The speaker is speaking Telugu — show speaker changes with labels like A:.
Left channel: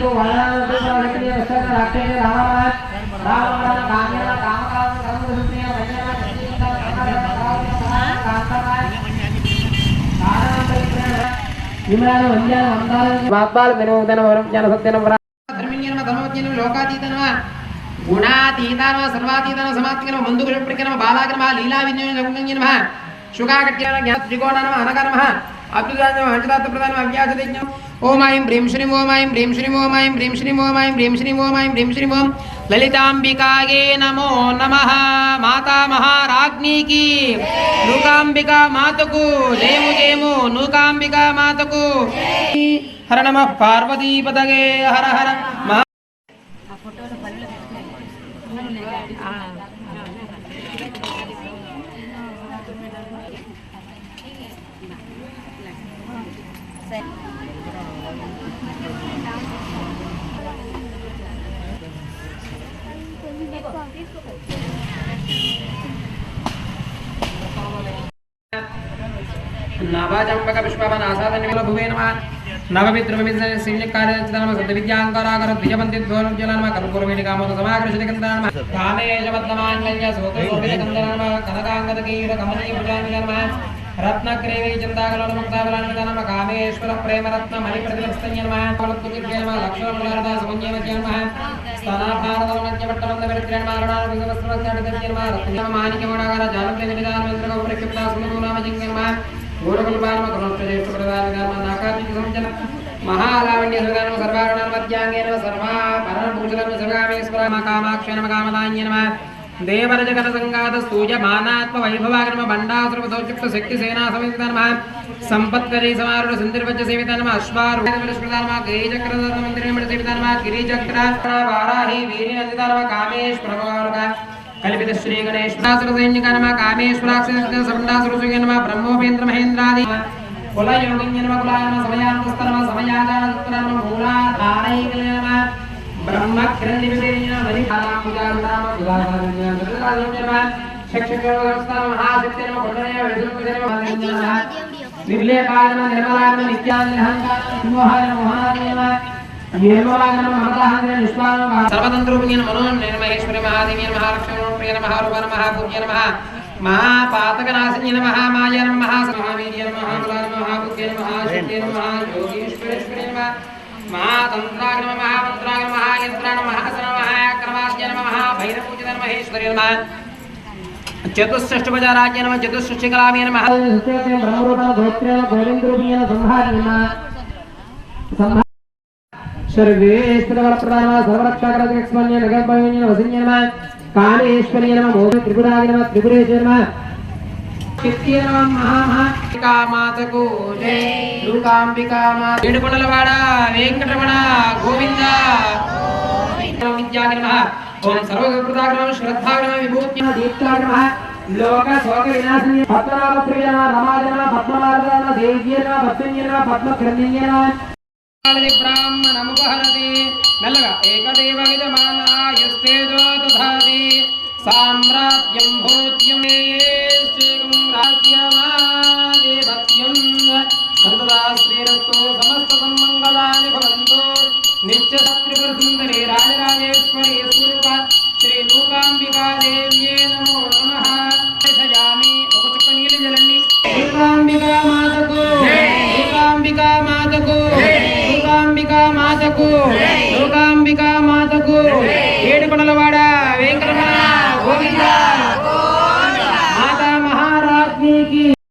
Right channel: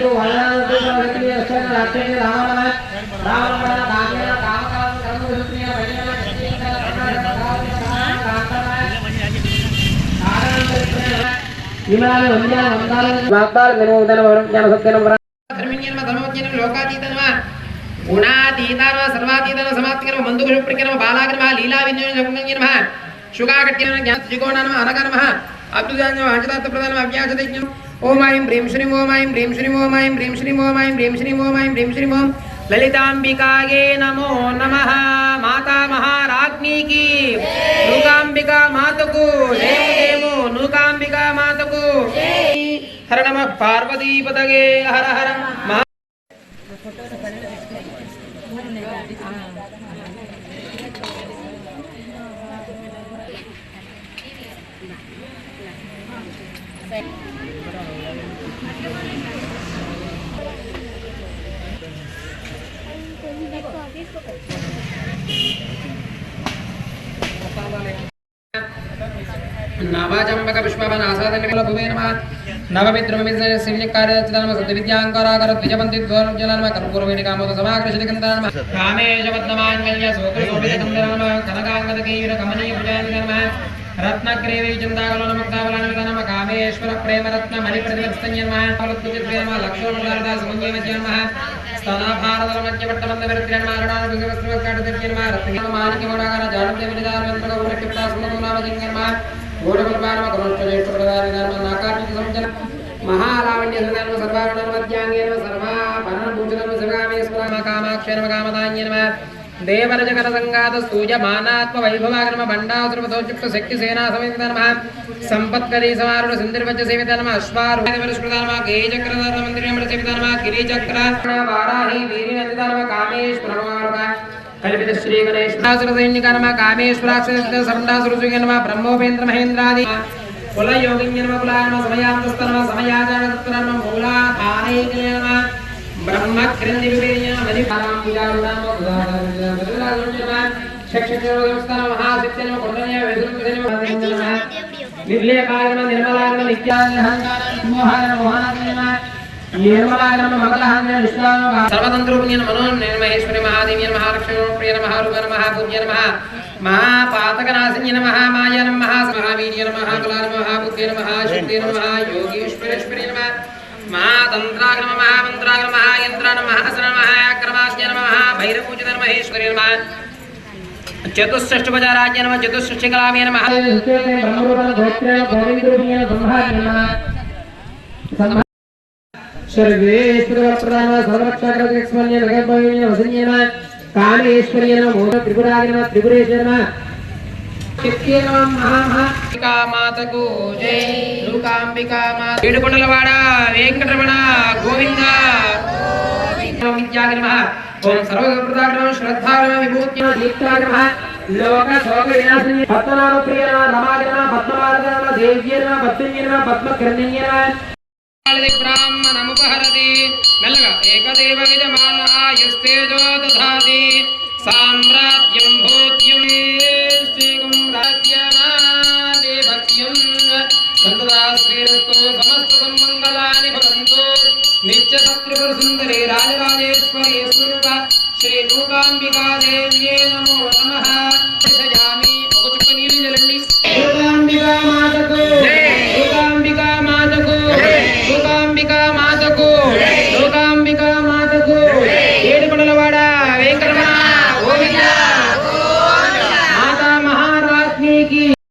A: ఇంటూ వల్లభక్తి రాక్షే రామ రామ కామ్య కామ కామ కర్మ సుప్రియ వాగ్బాల వినోదన వరం జన సత్యన ధర్మిణ్యనమ ధర్మజ్ఞనమ లోకాతీతనమ గుణాతీతానమ సర్వాతీతన ప్రకరమ లీలా విన్యోన జగంగనమ అనగనమ అంజదాత అవ్యాజదజ్ఞం ఓం ఐం హ్రీం శ్రీం ఓం ఐం హ్రీం శ్రీం ఓం ఐం హ్రీం శ్రీం ఓం ఐం హ్రీం శ్రీం ఓం ఐం హ్రీం శ్రీం ఓం లలితాంబికాయే నమో నమః మాతా మహారాజ్ఞీకి నూకాంబికా మాతకు దేము దేము నూకాంబికా మాతకు హర నమ పార్వతీపతగే హర హర नाभाचंबक विश्वाभन आसादन भूवे नम। नवमित्रमिन्द्रसिंहकार्यचरणम सद्विद्याङ्कराकर द्विजपन्तिध्वरुज्जलनम कर्पूरवेणिकामोद समाकृष्णिकन्दनम कामेशपद्ममाञ्जल्य सोकृशोभितकन्दनम कनकाङ्गदकीविरकमनीभुजानिधनम సమాకృషిత కింద నమ కామేశవద్నమాంగళ్య సోత శోభిత కామేశ్వర ప్రేమ రత్న మణి ప్రతివర్స్తన్య నమ ఫలత్తుతి నమ లక్ష్మణ సమన్య మహాలావణ్య హృదయం మధ్యాంగేన సర్వా శివగామేశ్వర నమ కామదాన్య దేవర జగన సంగాత సూయమానాత్మ వైభవాగ్రమ బండాసురపదోచుక్త శక్తి సేనా సమిత నమ సంపత్కరీ సమారుణ సింధిర్వచ్చ సేవిత నమ అశ్వారూఢ నమ గేయచక్రదాత మందిరం సేవిత నమ గిరిచక్ర వారాహి వీరి నందిత నమ కామేశ్వర కల్పిత శ్రీ గణేశ్వరాసుర గణేశ్వరాసురసైన్యక నమ కామేశ్వరాక్షర సందాసురుజుగ నమ బ్రహ్మోపేంద్ర మహేంద్రాది కుల యోగిన్య నమ కులాయ నమ సమయాంతస్థ మమతాహంద్ర విశ్వామ సర్వతంత్రూపిణ్య మనో నిర్మహేశ్వరి మహాదేవి మహాలక్ష్మి ప్రియ నమ రూప నమ పూజ్య నమ మహాపాతకనాశిన్య నమ మాయ నమ మహావీర్య నమ మహాబలా నమ మహాబుద్ధి నమ శక్తి నమ యోగీశ్వరేశ్వరి నమ మహాతంత్రాగ నమ మహామంత్రాగ నమ మహాయంత్ర నమ మహేశ్వరి నమ. చతుష్షష్టిపదారాజ్య నమ చతుష్షష్టి నమ. బ్రహ్మరూప గోత్ర గోవిందరూపిణ సంహార నమ సర్వేశ్వరవరప్రదాన సర్వరక్షకరస్మన్య నగర్భయ వసన్య నమ కామేశ్వరి నమ మోద నమ నమ మాతకు జై దుర్గాంబికా మాత ఏడుకొండలవాడ వెంకటరమణ గోవింద విద్యాగ్రమ ఓం సర్వసంప్రదాగ్రమ శ్రద్ధాగ్రమ విభూత్య దీప్తాగ్రమ లోక శోక వినాశిని పద్మనాభ ప్రియ నమ రమాజన పద్మవారణ దేవ్య నమ పద్మన్య నమ పద్మకర్ణ్య నమ బ్రాహ్మణముపహరతి మెల్లగా ఏకదేవ యజమానాయస్తేజో దధాతి సామ్రాజ్యం భూత్యం శ్రీకం రాజ్యమాదేవత్యం సంతదా శ్రీరస్తు సమస్త సమ్మంగళాని భవంతు. नित्यशत्रुपरसुन्दरे राजराजेश्वरी स्वरूपा श्रीलोकाम्बिका देव्ये नमो नमः।